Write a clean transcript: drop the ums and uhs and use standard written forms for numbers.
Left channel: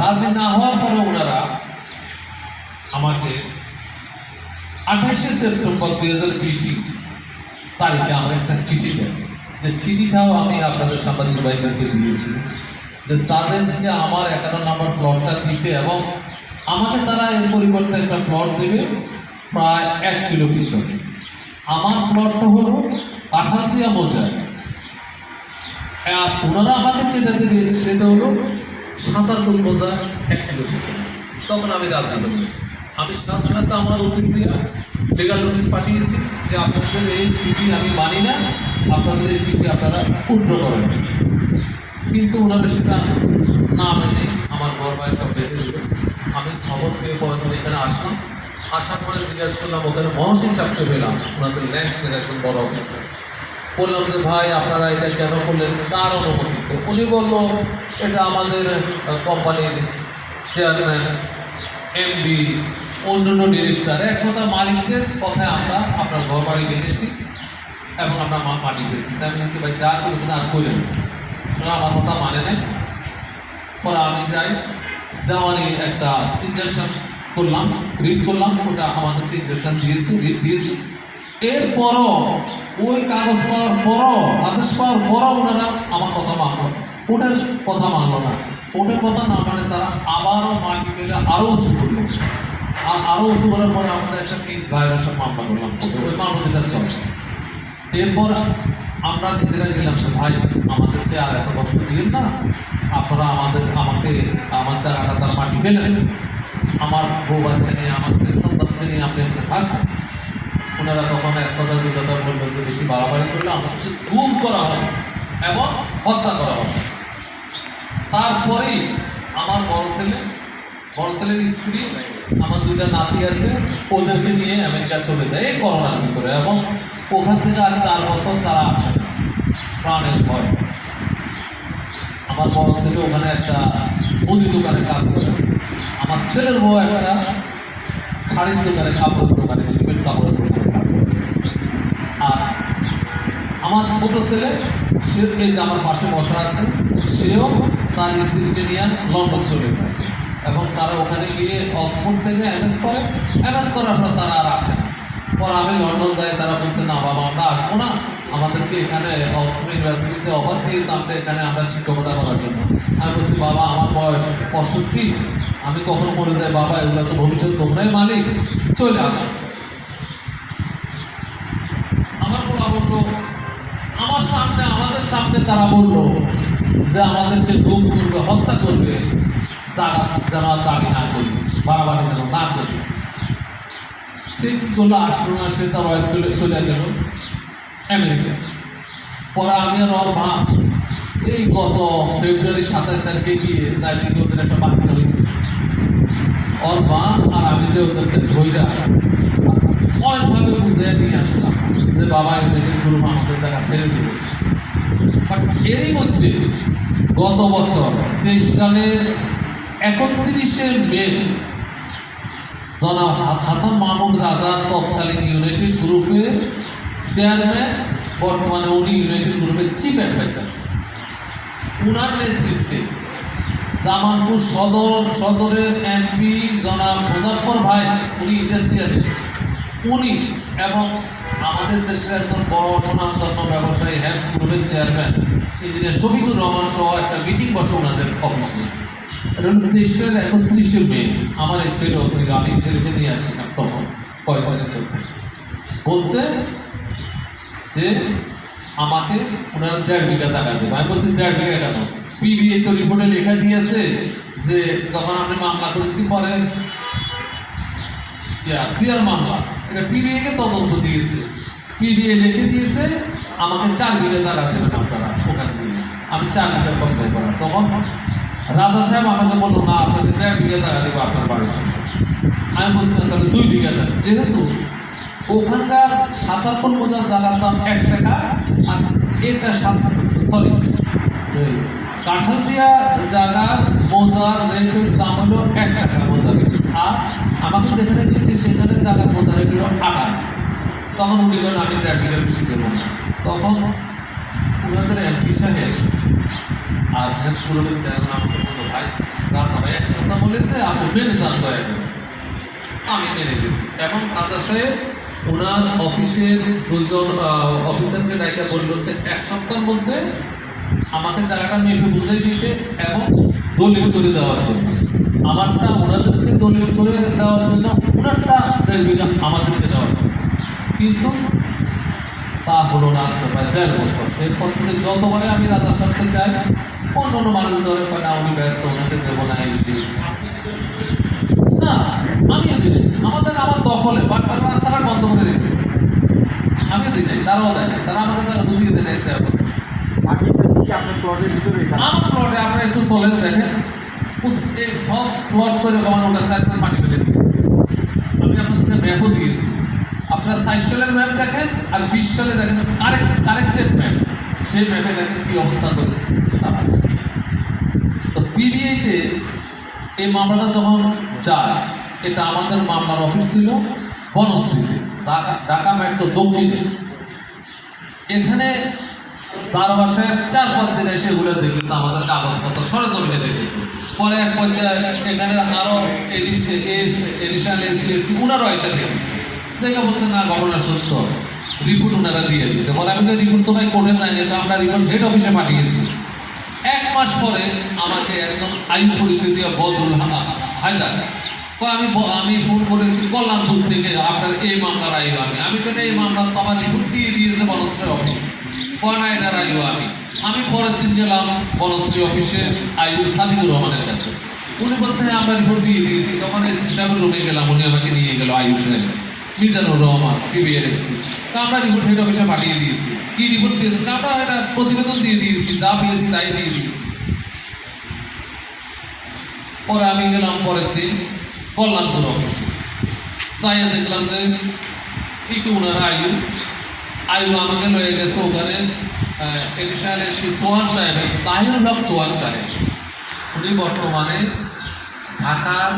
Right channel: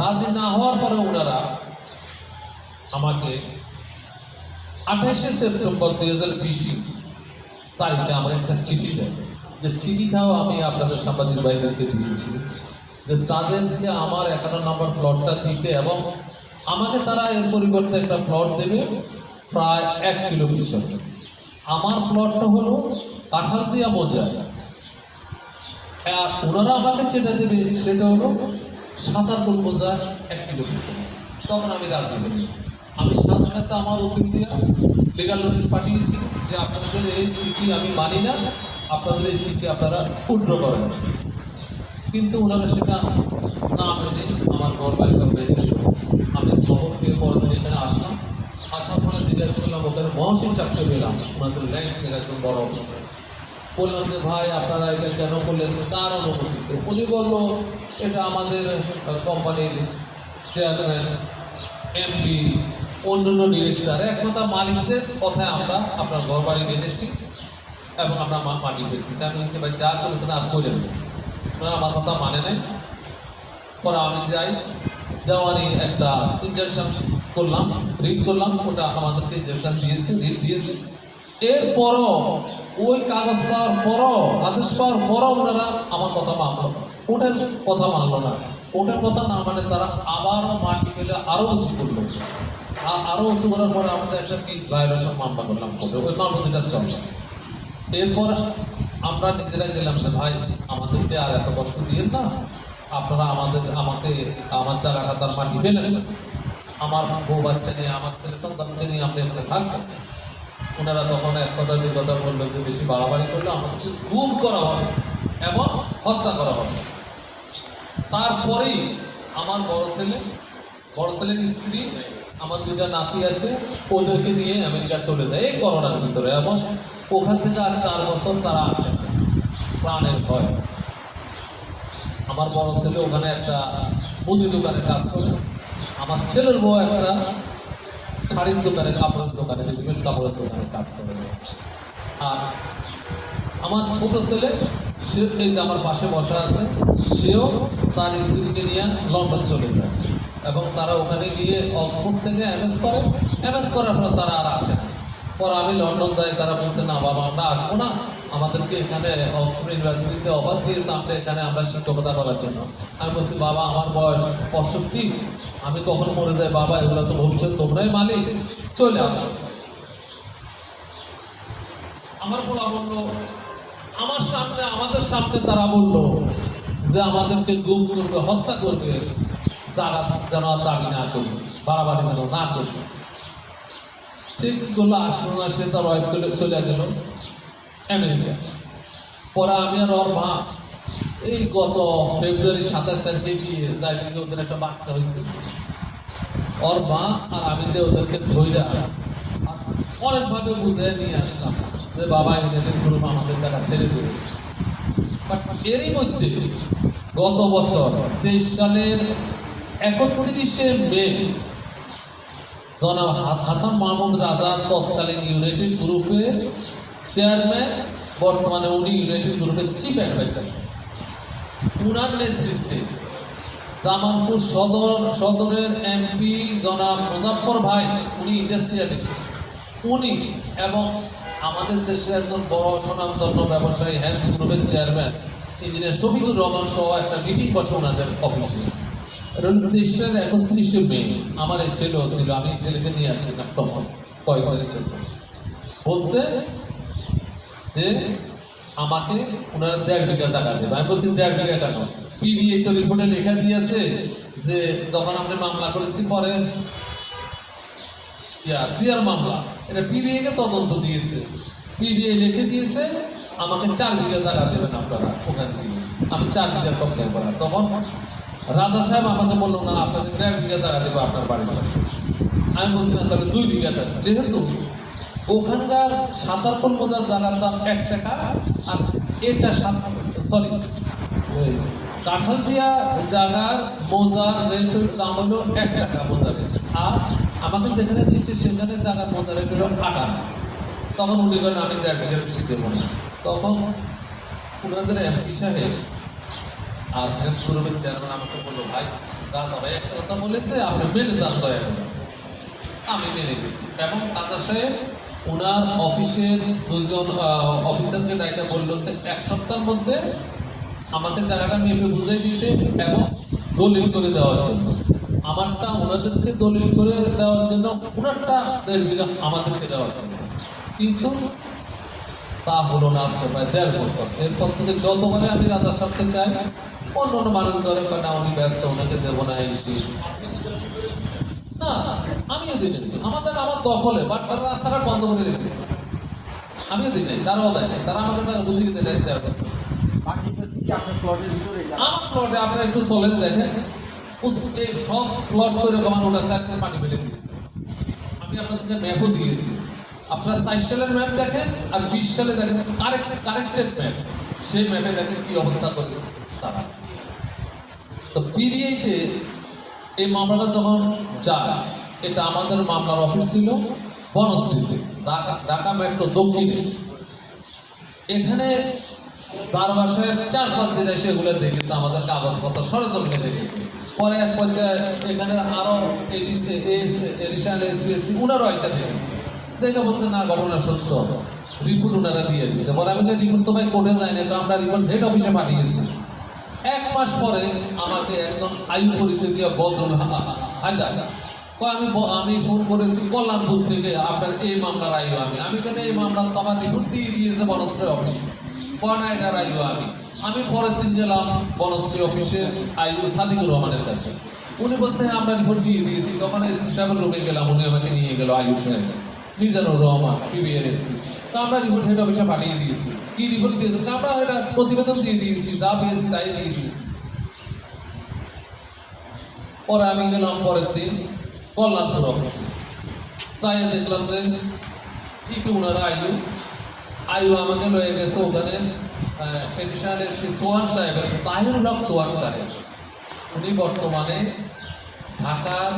রাজি না হওয়ার পরে ওনারা আমাকে 28শে সেপ্টেম্বর 2020 তারিখে আমাকে একটা চিঠি দেয়, যে চিঠিটাও আমি আপনাদের সাংবাদিক ভাইদেরকে দিয়েছি, যে তাদেরকে আমার 11 নম্বর প্লটটা দিতে এবং আমাকে তারা এর পরিবর্তে একটা প্লট দেবে প্রায় 1 কিলো পিছনে। আমার প্লটটা হলো কাঁঠালদিয়া মোজায়, আর ওনারা আমাকে যেটা দেবে সেটা হলো 57 মোজা 1 কিলো পিছনে। তখন আমি রাজি হই। আমি সাধারণত আমার অতিক্রিয়া লিগাল নোটিশ পাঠিয়েছি যে আপনাদের এই চিঠি আমি মানি না, আপনাদের এই চিঠি আপনারা উইথড্র করেন। কিন্তু ওনারা সেটা না মেনে আমার ঘর বাইরে সব বেঁধে দিল। আমি খবর পেয়ে পরে আমি এখানে আসলাম। আসার পরে জিজ্ঞাসা করলাম, ওখানে মহসিন সাহেবকে পেলাম, ওনাদের ল্যান্ডসের একজন বড় অফিসার। বললাম যে ভাই আপনারা এটা কেন করলেন, কার অনুমতিতে? উনি বললো এটা আমাদের কোম্পানির চেয়ারম্যান, এমডি, অন্যান্য ডিরেক্টর, এক কথা মালিকদের কথায় আমরা আপনার ঘর বাড়ি দেখেছি এবং আমরা মাটি পেয়েছি। আমি বলছি ভাই যা করেছেন আর করেন, ওনারা আমার কথা মানে নেই। পরে আমি যাই, দেওয়ানি একটা ইনজেকশন করলাম, রিড করলাম, ওটা আমাদেরকে ইনজেকশন দিয়েছে, রিড দিয়েছে। এরপরও ওই কাগজ পাওয়ার পরও, আদেশ পাওয়ার পরও ওনারা আমার কথা মানলো, ওটার কথা মানলো না। ওটার কথা না মানে তারা আবারও মাটি পেলে আরও উঁচু করলো, আর আরও উঁচু করার পরে আমাদের একটা পিস ভায়োলেশন মামলা করলাম, ওই মামলা যেটা চলে। এরপর আমরা নিজেরা গেলাম যে ভাই আমাদেরকে আর এত কষ্ট দিলেন না, আপনারা আমাকে আমার জায়গাটা তারা মাটি ফেলেন, আমার বউ বাচ্চা নিয়ে, আমার ছেলে সন্তানকে নিয়ে আপনি এখানে থাকবেন। ওনারা তখন এক কথা দুই কথা বললো যে বেশি বাড়াবাড়ি করলে আমাকে গুম করা হবে এবং হত্যা করা হবে। তারপরেই আমার বড় ছেলের স্ত্রী, আমার 2টা নাতি আছে, ওদেরকে নিয়ে আমেরিকা চলে যায় এই করোনার ভিতরে, এবং ওখান থেকে আর 4 বছর তারা আসে না প্রাণের ভয়। আমার বড় ছেলে ওখানে একটা মুদি দোকানে কাজ করে, আমার ছেলের বউ একটা শাড়ির দোকানে, কাপড়ের দোকানে, রেডিমেড কাপড়ের দোকানে কাজ করে। আর আমার ছোট ছেলে, সে এই যে আমার পাশে বসা আছে, সেও তার স্ত্রীকে নিয়ে লন্ডন চলে যায় এবং তারা ওখানে গিয়ে অক্সফোর্ড থেকে এমএস করার পর তারা আর আসে না। পর আমি লন্ডন যাই, তারা বলছে না বাবা আমরা আসবো না, আমাদেরকে এখানে অক্সফোর্ড ইউনিভার্সিটিতে অফার দিয়েছে আমরা এখানে আমরা শিক্ষকতা করার জন্য। আমি বলছি বাবা আমার বয়স 65, আমি কখন মরে যাই বাবা, এগুলো তো ভবিষ্যৎ তোমরাই মালিক, চলে আসো। আমার বলা বললো, আমাদের সামনে তারা বললো যে আমাদেরকে গুম করবে, হত্যা করবে, যারা দাবি না করি, বাড়াবাড়ি যেন না করি। ঠিক করলো, আসলো না, সে তার ওয়াইফ চলে গেল আমেরিকা। পরে আমি আর ওর মা এই গত ফেব্রুয়ারি 27 তারিখে গিয়ে যাই, কিন্তু ওদের একটা বাচ্চা হয়েছে। ওর মা আর আমি যে ওদেরকে ধৈরা অনেকভাবে বুঝিয়ে নিয়ে আসলাম যে বাবা ইউনিভার্সিটির আমাদের জায়গা ছেড়ে দিল। এরই মধ্যে গত বছর 23 সালের 31শে মে জনাব হাসান মাহমুদ রাজা তৎকালীন ইউনাইটেড গ্রুপের চেয়ারম্যান, বর্তমানে উনি ইউনাইটেড গ্রুপের চিফ অ্যাডভাইজার, উনার নেতৃত্বে জামালপুর সদরের এমপি জনাব মুজাফফর ভাই, উনি ইন্ডাস্ট্রিয়ালিস্ট, উনি এবং আমাদের দেশের একজন বড় সুনামধন্য ব্যবসায়ী হ্যান্ডস গ্রুপের চেয়ারম্যান ইঞ্জিনিয়ার শফিকুর রহমান সহ একটা মিটিং বসে ওনাদের অফিসে। 31শে মে আমার এই ছেলে ছিল, আমি ছেলেকে নিয়ে আসছিলাম তখন কয়েকদিনের জন্য। বলছে যে আমাকে ওনারা 1.5 বিঘা জায়গা দেবে। আমি বলছি 1.5 বিঘা কেন? পিবিএ তো রিপোর্টে লেখা দিয়েছে যে যখন আপনি মামলা করেছি পরে সিআর মামলা, এটা পিবিএ কে তদন্ত দিয়েছে, পিবিএ লিখে দিয়েছে আমাকে 4 বিঘা জায়গা দেবেন আপনারা ওখান থেকে। আমি 4 বিঘা কমপ্লেন করা, তখন রাজা সাহেব আমাকে বললো না আপনাদের 1.5 বিঘা জায়গা দেবো আপনার বাড়ির পাশে। আমি বলছিলাম তাহলে 2 বিঘা দেন, যেহেতু ওখানকার 57 মোজা জায়গার দাম 1 টাকা, আর এটা কাঁঠালদিয়া জায়গার মোজার রেটের দাম হলো 1 টাকা মোজা, আর আমাকে যেখানে দিচ্ছে সেখানে জায়গার মোজা রেট হলো 8 টাকা। তখন উনি বলেন আমি 1.5 বিঘার বেশি দেবো না। তখন ওনাদের এমপি সাহেব আর হ্যান্ডস গ্রুপের চেয়ারম্যান আমাকে বললো ভাই রাজা ভাই একটা গেছে, আপনি মেনে যান দয়া করে। আমি মেনে গেছি এবং দাদা সাহেব ওনার অফিসের দুজন অফিসারকে ডাইকা বললো যে 1 সপ্তাহের মধ্যে আমাকে জায়গাটা মেপে বুঝিয়ে দিতে এবং দলিল করে দেওয়ার জন্য। আমারটা ওনাদেরকে দলিল করে দেওয়ার জন্য, ওনারটা 1.5 বিঘা আমাদেরকে দেওয়ার জন্য। কিন্তু তা হলো না, আজকে প্রায় 1.5 বছর। এরপর থেকে যতবারে আমি রাজার সাথে চাই, অন্য মানুষ ধরে কয় না আমি ব্যস্ত, ওনাকে দেবো না এসে না, আমিও দিই আমার দখলে, বাট তারা রাস্তাঘাট বন্ধ করে রেখেছে। আমিও দিই নাই, তারাও দেয়, তারা আমাকে যা বুঝিয়ে দেয় নাই। আপনার প্লটের ভিতরে আমার প্লটে আপনি একটু চলেন দেখেন, এই সব প্লট করে আমার ওটা সাইড মাটি ফেলে দিয়েছে। আমি আপনাদেরকে ম্যাপও দিয়েছি, আপনার 60 সালের ম্যাপ দেখেন আর 20 সালে দেখেন, কারেক্টেড ম্যাপ, সেই ম্যাপে দেখেন কি অবস্থা করেছে। তো পিবিআইতে এই মামলাটা যখন যায়, এটা আমাদের মামলার অফিস ছিল বনশ্রীতে, ঢাকা মেট্রো দক্ষিণে। এখানে দারোগা সাহেব 4-5 দিন এসে এগুলো দেখেছে, আমাদের কাগজপত্র সরেজমিনে দেখেছে। পরে এক পর্যায়ে এখানে আরো এডিশনাল এসপি উনারও এসে দেখেছে, দেখে বলছে না ঘটনা সত্য, রিপোর্ট ওনারা দিয়ে দিচ্ছে। বলে আমি তো রিপোর্ট তো ভাই কোর্টে যাইনি, তো আমরা রিপোর্ট হেড অফিসে পাঠিয়েছি। 1 মাস পরে আমাকে একজন আয়ু পরিচয় দিয়ে বদরুল হায়দার, আমি ফোন করেছি কল্যাণপুর থেকে, আপনার এই মামলার আয়ু আমি তো এই মামলার তো আমার রিপোর্ট দিয়ে দিয়েছে বনশ্রী অফিস, কয়নাইটার আয়ু আমি পরের দিন গেলাম বনশ্রী অফিসে আয়ু সাদিকুর রহমানের কাছে। উনি বলছে আমরা রিপোর্ট দিয়ে দিয়েছি। তখন এসপি সাহেবের রুমে গেলাম, উনি আমাকে নিয়ে গেল আয়ু সাহেব মিজানুর রহমান পিবিআর এসপি। আমরা রিপোর্ট হেড অফিসে পাঠিয়ে দিয়েছি। কি রিপোর্ট দিয়েছি? আমরা এটা প্রতিবেদন দিয়ে দিয়েছি, যা পেয়েছি তাই দিয়ে দিয়েছি। পরে আমি গেলাম পরের দিন কল্যাণপুর অফিসে, তাই দেখলাম যে ঠিকই ওনার আয়ু আমাকে লয়ে গেছে ওখানে এডিশনাল এসপি সোহান সাহেবের, তাহিরুল হক সোহান সাহেব। উনি বর্তমানে ঢাকার